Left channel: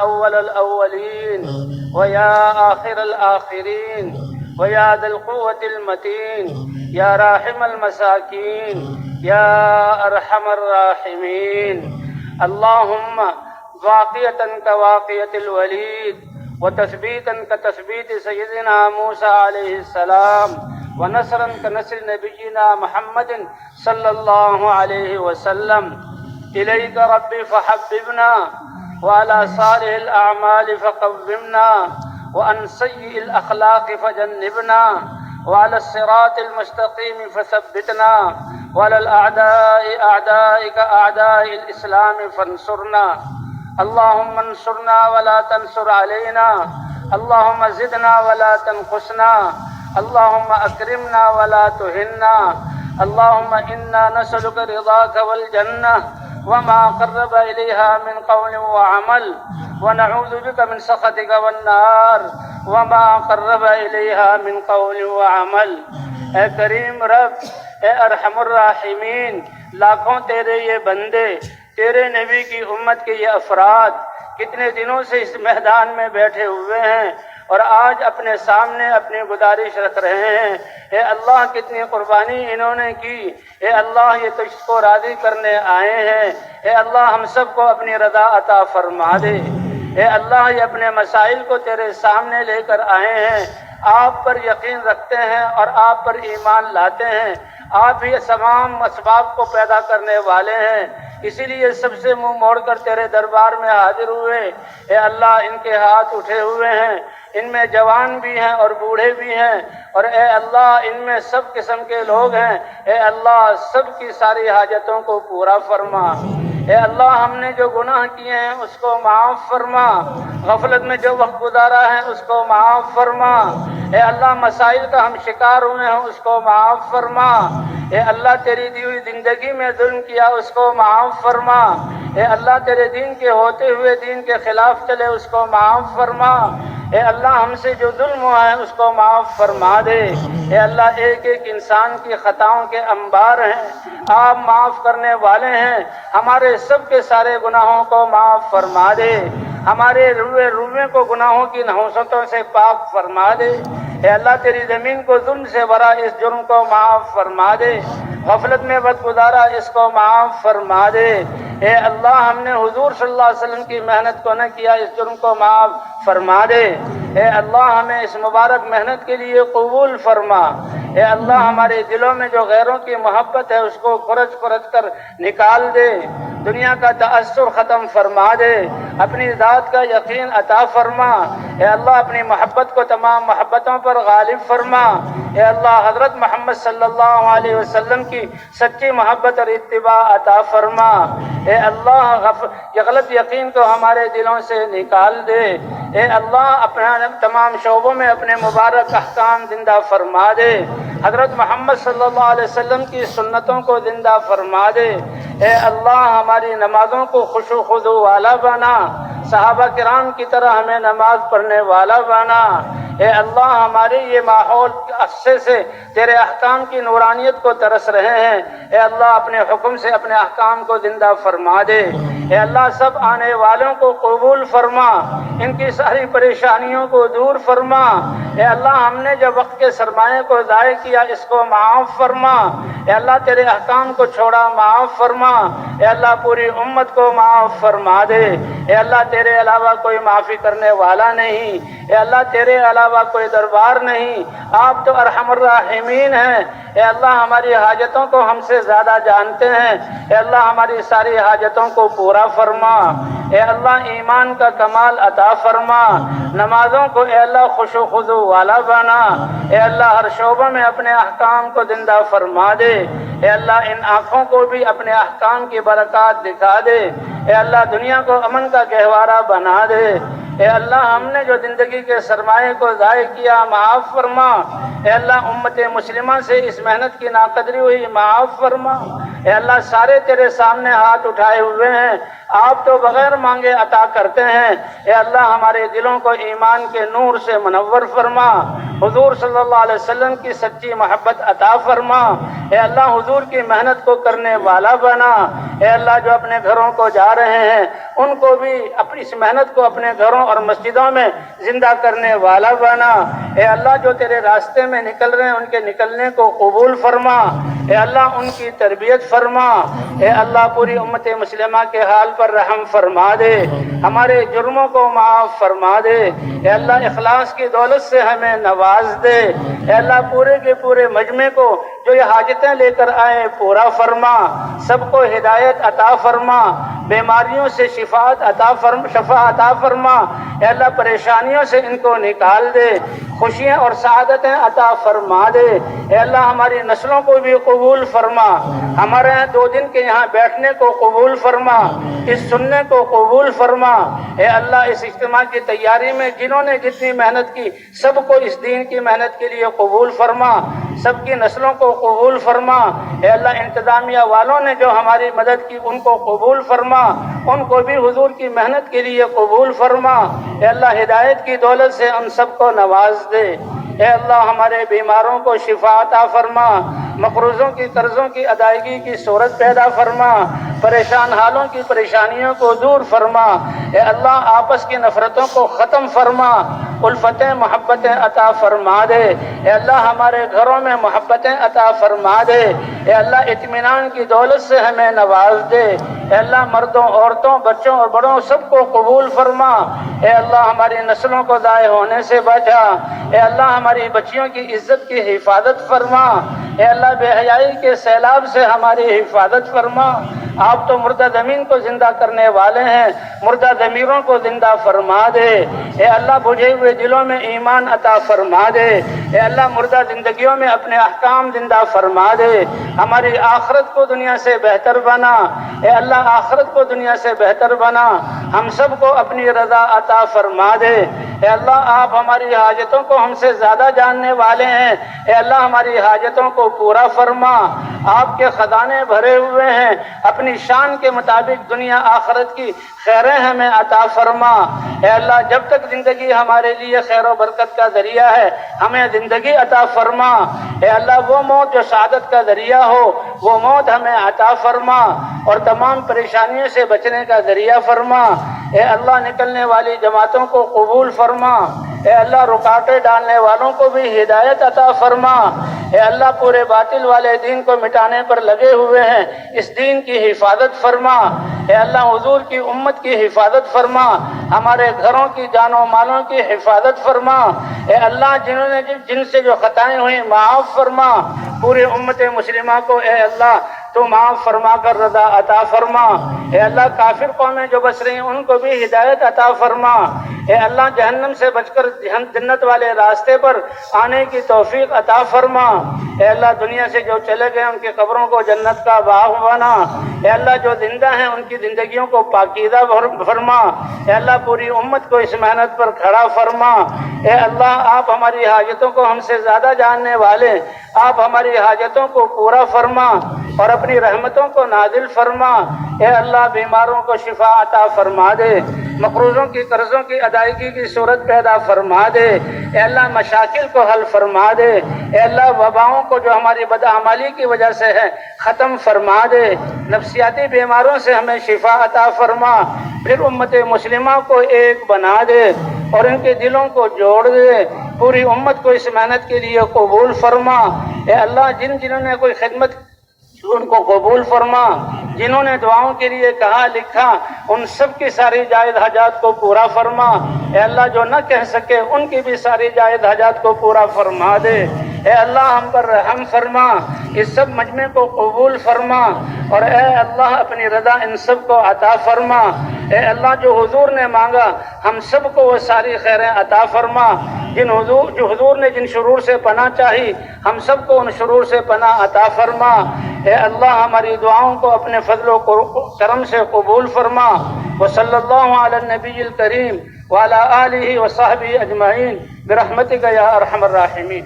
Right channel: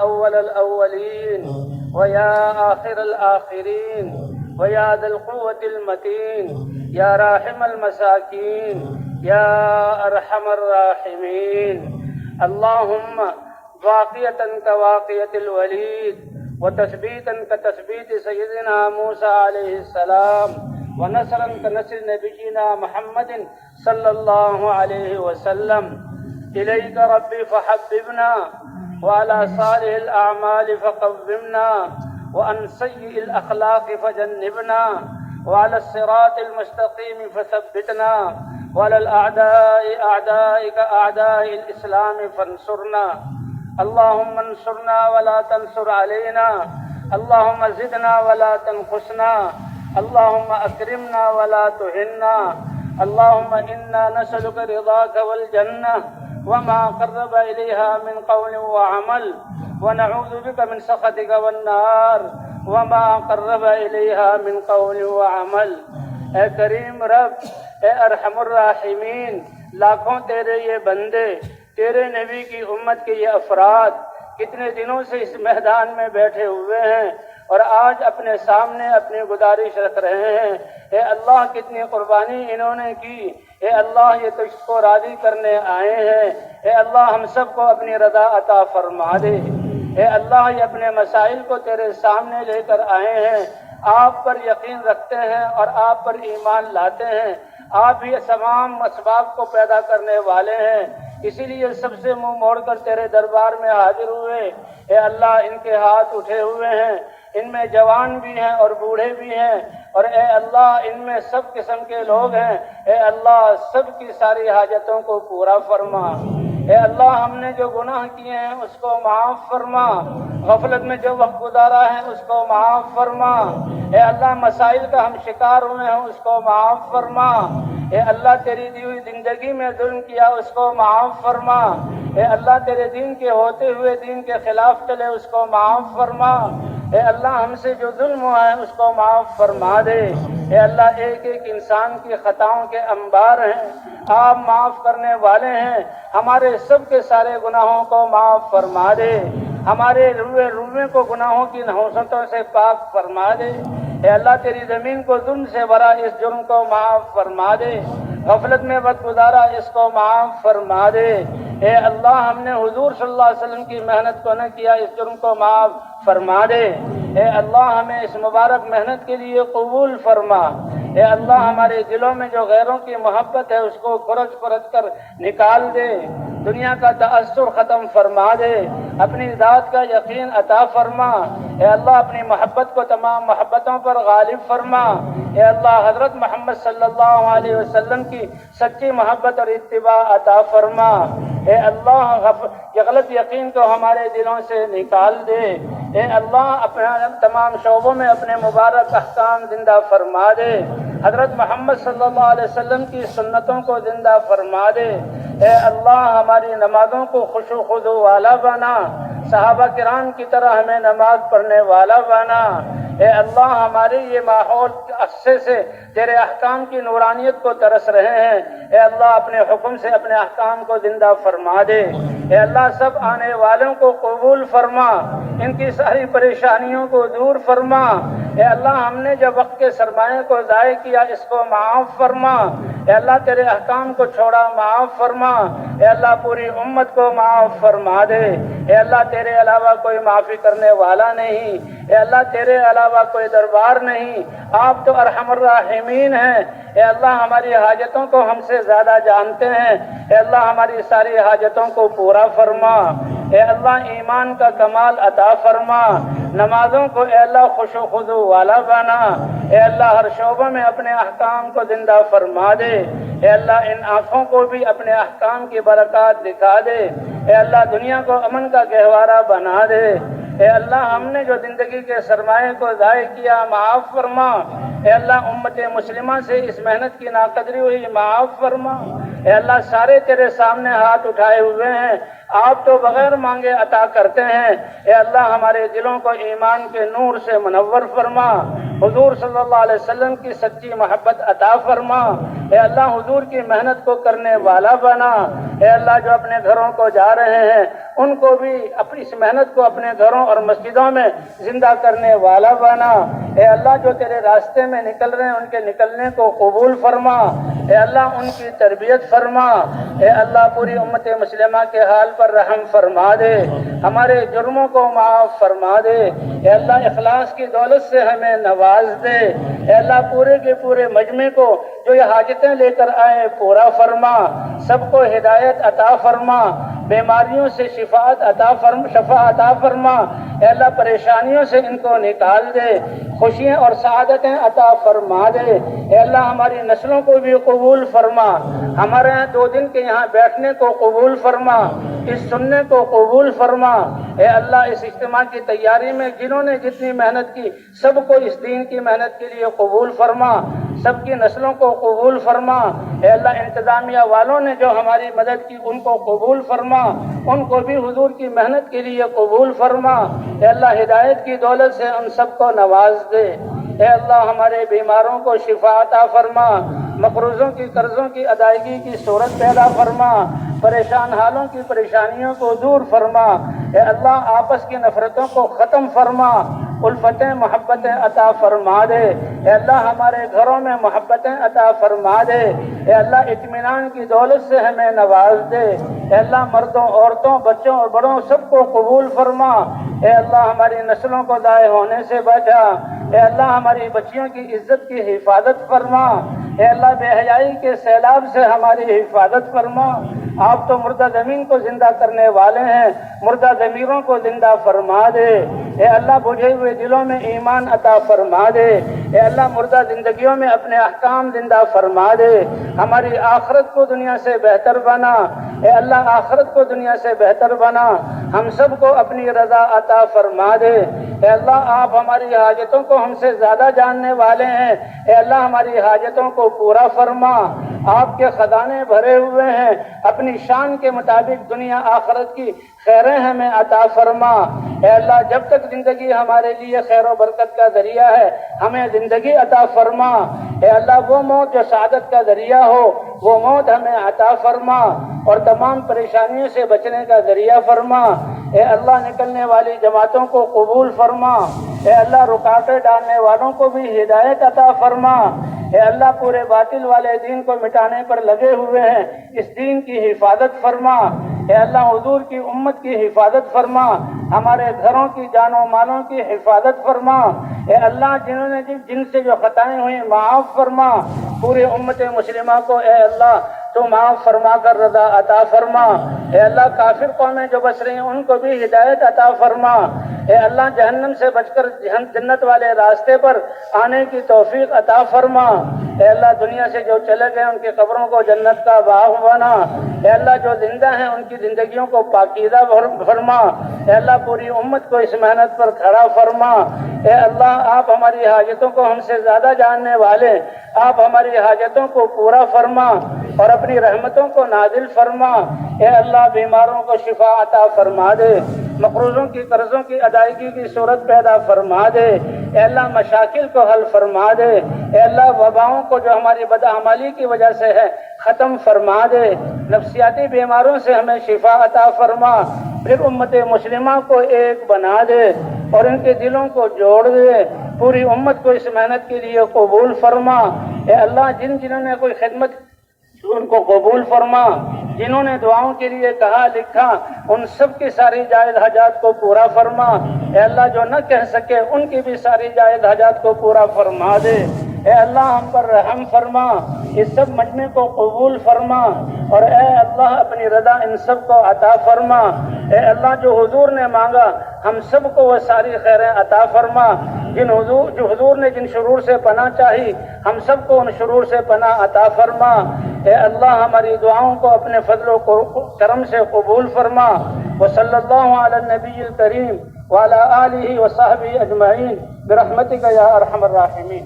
أول الأولين ويا آخر الآخرين ويا ذا القوة المتين يا راحم المساكين يا أرحم الراحمين اللهم واقية كواقية الوليد وتثبيتا كتثبيت سيدنا موسى عليه السلام ونصرا كنصر نبينا محمد صلى الله عليه وسلم إليك ربي فحببنا وعلى صالح الأعمال فقومنا وعن سيء الأخلاق فجنبنا وعلى الصراط المستقيم فثبتنا وعلى الأعداء أعدائك أعداء الإسلام فانصرنا اللهم انصرنا ولا تنصر علينا اللهم زدنا ولا تنقصنا اللهم أكرمنا ولا تهنا اللهم إنا نسألك رضاك والجنة وما قرب إليها من قول وعمل ونعوذ بك من سخطك والنار وما قرب إليها من قول وعمل اے کریم رب، اے ارحم الراحمین، لاکھوں تیرے یہ بندے، تیرے نبی کی امت کے یہ افراد کتنے دنوں سے اس میدان میں بیٹھے ہوئے ہیں اور آج اپنے سامنے اپنی گزارش رکھ رہے ہیں۔ اے اللہ کتنی قربانی انہوں نے کی، اے اللہ یہ تجھ کو راضی کرنے آئے ہیں، اے اللہ ہم سب کو اپنی رضا عطا فرما دے۔ اے اللہ یہ اپنے مسائل کو تیرے سامنے لے کر آئے ہیں، آپ پر یقین رکھتے ہیں اور آپ پر ایمان لاتے ہیں، آپ ہی تمام اسباب کو پیدا کرنے والے ہیں، اسی لیے سب سے منہ موڑ کر تیرے دربار میں حاضر ہوئے۔ اے اللہ ان کے ہاتھ اٹھے ہوئے ہیں، ان میں جوان بھی ہیں اور بوڑھے بھی ہیں، اور اے اللہ ان میں سب قسم کے لوگ ہیں، اے اللہ سب کی ساری حاجتوں کو پورا فرما۔ اے اللہ ہم نے جو گناہ کیے ہیں اس کو معاف فرما، غفلت میں جو وقت گزارا ہے اس کو معاف فرما، اے اللہ مسائل کا ہم شکار ہوئے ہیں اس کو معاف فرما، اے اللہ تیری دی ہوئی زندگی میں ظلم کیا اس کو معاف فرما، اے اللہ تیرے دین کے ہوتے ہوئے دین کے خلاف چلے اس کو معاف فرما، اے اللہ ہم سے جو ظلم ہوا ہے اس کو معاف فرما دے۔ اے اللہ ایک ایک انسان کی خطاؤں کے انبار ہیں، آپ معاف کرنے والے ہیں، ہمارے سب کے سارے گناہوں کو معاف فرما دے، ہمارے روئے کو گناہوں کی نحوستوں سے پاک فرما دے۔ اے اللہ تیری زمین کو ظلم سے بھرا اس جرم کو معاف فرما دے، غفلت میں وقت گزارا اس کو معاف فرما دے۔ اے اللہ ہم نے حضور صلی اللہ علیہ وسلم کی محنت کو نہ کیا، اس جرم کو معاف فرما دے۔ اے اللہ ہمیں اس مبارک محنت کے لیے قبول فرما۔ اے اللہ ہمارے دلوں میں جو غیروں کی محبت ہے اس کو کھرچ کر نکال دے، دنیا کا تعصب ختم فرما دے، اپنی ذات کا یقین عطا فرما۔ اے اللہ اپنی محبت کو تمام محبتوں پر غالب فرما۔ اے اللہ حضرت محمد صلی اللہ علیہ وسلم کی سچی محبت اور اتباع عطا فرما۔ اے اللہ یہ غلط یقین کو ہمارے دلوں سے نکال دے۔ اے اللہ اپنے تمام شعبوں میں اپنے مبارک احکام زندہ فرما دے، حضرت محمد صلی اللہ علیہ وسلم کی سنتوں کو زندہ فرما دے۔ اے اللہ ہماری نمازوں کو خشوع و خضوع والا بنا، صحابہ کرام کی طرح ہمیں نماز پڑھنے والا بنا۔ اے اللہ ہمارے یہ ماحول عرصے سے تیرے احکام کی نورانیت کو ترس رہے ہیں، اے اللہ اپنے حکم سے اپنے احکام کو زندہ فرما دے۔ اے اللہ سب آنے والوں کو قبول فرما، ان کی ساری پریشانیوں کو دور فرما۔ اے اللہ ہم نے جو وقت کے سرمایے کو ضائع کیا اس کو معاف فرما۔ اے اللہ تیرے احکام کو چھوڑا معاف فرما۔ اے اللہ پوری امت کو معاف فرما دے۔ اے اللہ تیرے علاوہ کوئی معافی کرنے والا نہیں، اے اللہ تیرے علاوہ کوئی دربار نہیں، آپ تو ارحم الراحمین ہیں۔ اے اللہ ہماری حاجتوں کو ہم سے زیادہ جانتے ہیں، اے اللہ ہماری ساری حاجتوں کو پورا فرما۔ اے اللہ ایمان کا کمال عطا فرما، نمازوں کو اے اللہ خشوع و خضوع والا بنا۔ اے اللہ ہر شعبہ میں اپنے احکام کو زندہ فرما دے۔ اے اللہ ان آنکھوں کو بھی اپنے احکام کی برکات دکھا دے۔ اے اللہ دنیا کو امن کا گہوارہ بنا دے۔ اے اللہ ہم نے جو زندگی کے سرمایے کو ضائع کیا معاف فرما۔ اے اللہ امت مسلمہ سے اس محنت کی ناقدری ہوئی معاف فرما۔ اے اللہ سارے تیرے سامنے ہاتھ اٹھائے ہوئے ہیں، آپ تو بغیر مانگے عطا کرتے ہیں۔ اے اللہ ہمارے دلوں کو ایمان کے نور سے منور فرما، حضور صلی اللہ علیہ وسلم کی سچی محبت عطا فرما۔ اے اللہ حضور کی محنت کو کرنے والا بنا۔ اے اللہ جو اپنے گھروں کو جا رہے ہیں ان کو بھی اپنی اس محنت کو اپنے گھروں اور مسجدوں میں زندہ کرنے والا بنا۔ اے اللہ جو تیرے راستے میں نکل رہے ہیں ان کے نکلنے کو قبول فرما۔ اے اللہ ان کی تربیت فرما۔ اے اللہ پوری امت مسلمہ کے حال پر رحم فرما دے، ہمارے جرموں کو معاف فرما دے۔ اے اللہ اخلاص کی دولت سے ہمیں نواز دے۔ اے اللہ پورے کے پورے مجمع کو جو یہ حاجتیں لے کر آئے پورا فرما، سب کو ہدایت عطا فرما، بیماریوں سے شفا عطا فرما۔ اے اللہ پریشانیوں سے ان کو نکال دے، خوشیاں اور سعادتیں عطا فرما دے۔ اے اللہ ہماری نسلوں کو بھی قبول فرما، ہمارے 2 دن کے یہاں بیٹھنے کو قبول فرما، اس سننے کو قبول فرما۔ اے اللہ اس اجتماع کی تیاری میں جنہوں نے جتنی محنت کی سب کو اس دین کی محنت کے لیے قبول فرما، سب کی نسلوں کو قبول فرما۔ اے اللہ انتظامیہ والوں نے جو ہماری مدد کی ان کو قبول فرما، ان کو بھی حضور کی محنت کے لیے قبول فرما۔ اے اللہ ہدایت کی دولت سے ہم سب کو نواز دے۔ اے اللہ ہمارے بیماروں کو شفا عطا فرما، مقروضوں کی قرضوں کی ادائیگی کی صورت پیدا فرما، پریشان حالوں کی پریشانیوں کو دور فرما۔ اے اللہ آپس کی نفرتوں کو ختم فرما، الفتیں محبتیں عطا فرما دے۔ اے اللہ ہمارے گھروں میں محبتیں عطا فرما دے۔ اے اللہ اطمینان کی دولت سے ہمیں نواز دے۔ اے اللہ مردوں عورتوں بچوں اور بڑوں سب کو قبول فرما۔ اے اللہ ہماری نسلوں کو ضائع ہونے سے بچا۔ اے اللہ ہماری بچیوں کی عزت کی حفاظت فرما۔ اے اللہ بے حیائی کے سیلاب سے ہماری حفاظت فرما۔ آپ تو مردہ زمین کو زندہ کرنے والے ہیں، مردہ ضمیروں کو زندہ فرما دے۔ اے اللہ بجھے ہوئے دلوں میں ایمان عطا فرما دے۔ اے اللہ مردہ زندگیوں میں اپنے احکام زندہ فرما دے، ہماری آخرت کو دنیا سے بہتر بنا۔ اے اللہ آخرت کو دنیا سے بہتر بنا، ہم سب کو اپنی رضا عطا فرما دے۔ اے اللہ آپ ہماری حاجتوں کو ہم سے زیادہ جاننے والے ہیں۔ اے اللہ ہماری حاجتوں کو پورا فرما، آپ کے خزانے بھرے ہوئے ہیں، اپنی شان کے مطابق دنیا آخرت کی خیریں ہمیں عطا فرما۔ اے اللہ جب تک زندگی ہمارے لیے خیر و برکت کا ذریعہ ہے ہمیں زندگی عطا فرما۔ اے اللہ وہ موت جو سعادت کا ذریعہ ہو وہ موت ہمیں عطا فرما، اور تمام پریشانیوں سے بچنے کا ذریعہ فرما۔ اے اللہ نکلنے والی جماعتوں کو قبول فرما۔ اے اللہ رکاوٹیں ڈالنے والوں کو بھی ہدایت عطا فرما۔ اے اللہ پورے باطل والے دین کو مٹانے پر لگے ہوئے ہیں، اس دین کی حفاظت فرما۔ اے اللہ حضور کی امت کی حفاظت فرما، ہمارے گھروں کی جان و مالوں کی حفاظت فرما۔ اے اللہ جنہوں نے جن سے جو خطائیں ہوئیں معاف فرما، پورے امت مسلمہ کو اے اللہ تو معاف فرما کر رضا عطا فرما۔ اے اللہ کافر قومیں جو بس رہی ہیں ان کو بھی ہدایت عطا فرما۔ اے اللہ جہنم سے بچ کر جنت والے راستے پر آنے کی توفیق عطا فرما۔ اے اللہ دنیا سے جو چلے گئے ان کی قبروں کو جنت کا باغ بنا۔ اے اللہ جو زندہ ہیں ان کی زندگیوں کو پاکیزہ فرما۔ اے اللہ پوری امت کو اس محنت پر کھڑا فرما۔ اے اللہ آپ ہماری حاجتوں کو ہم سے زیادہ جاننے والے، آپ ہماری حاجتوں کو پورا فرما اور اپنی رحمتوں کو نازل فرما۔ اے اللہ بیماروں کو شفا عطا فرما دے، مقروضوں کی قرضوں کی ادائیگی کی صورت پیدا فرما دے۔ اے اللہ مشاکل کو حل فرما دے۔ اے اللہ وباؤں کو جو ہماری بدعمالی کی وجہ سے ہے ختم فرما دے، نفسیاتی بیماروں سے ہمیں شفا عطا فرما۔ پھر امت مسلمہ کو ایک بنا دے اور ان کے دلوں کو جوڑ دے، پوری امت کو اس محنت کے لیے قبول فرما۔ اے اللہ جنہوں نے کوئی خدمت ان کو قبول فرما، جنہوں نے دعاؤں کے لیے کہا لکھا ان سب کی ساری جائز حاجات کو پورا فرما۔ اے اللہ جو نہ کہہ سکے ان کی بھی ساری جائز حاجات کو پورا فرما دے۔ اے اللہ ہم پر رحم فرما، اس سب مجمع کو قبول فرما، اور اے اللہ اپنی رضا ان سب کو عطا فرما۔ اے اللہ جو حضور نے مانگا ہم سب کو وہ ساری خیریں عطا فرما، جو حضور نے جن شرور سے پناہ چاہی ہم سب کو ان شرور سے پناہ عطا فرما۔ اے اللہ ہماری دعاؤں کو اپنے فضل و کرم سے قبول فرما۔ وصلی اللہ علی النبی الکریم وعلی آلہ وصحبہ اجمعین برحمتک یا ارحم الراحمین۔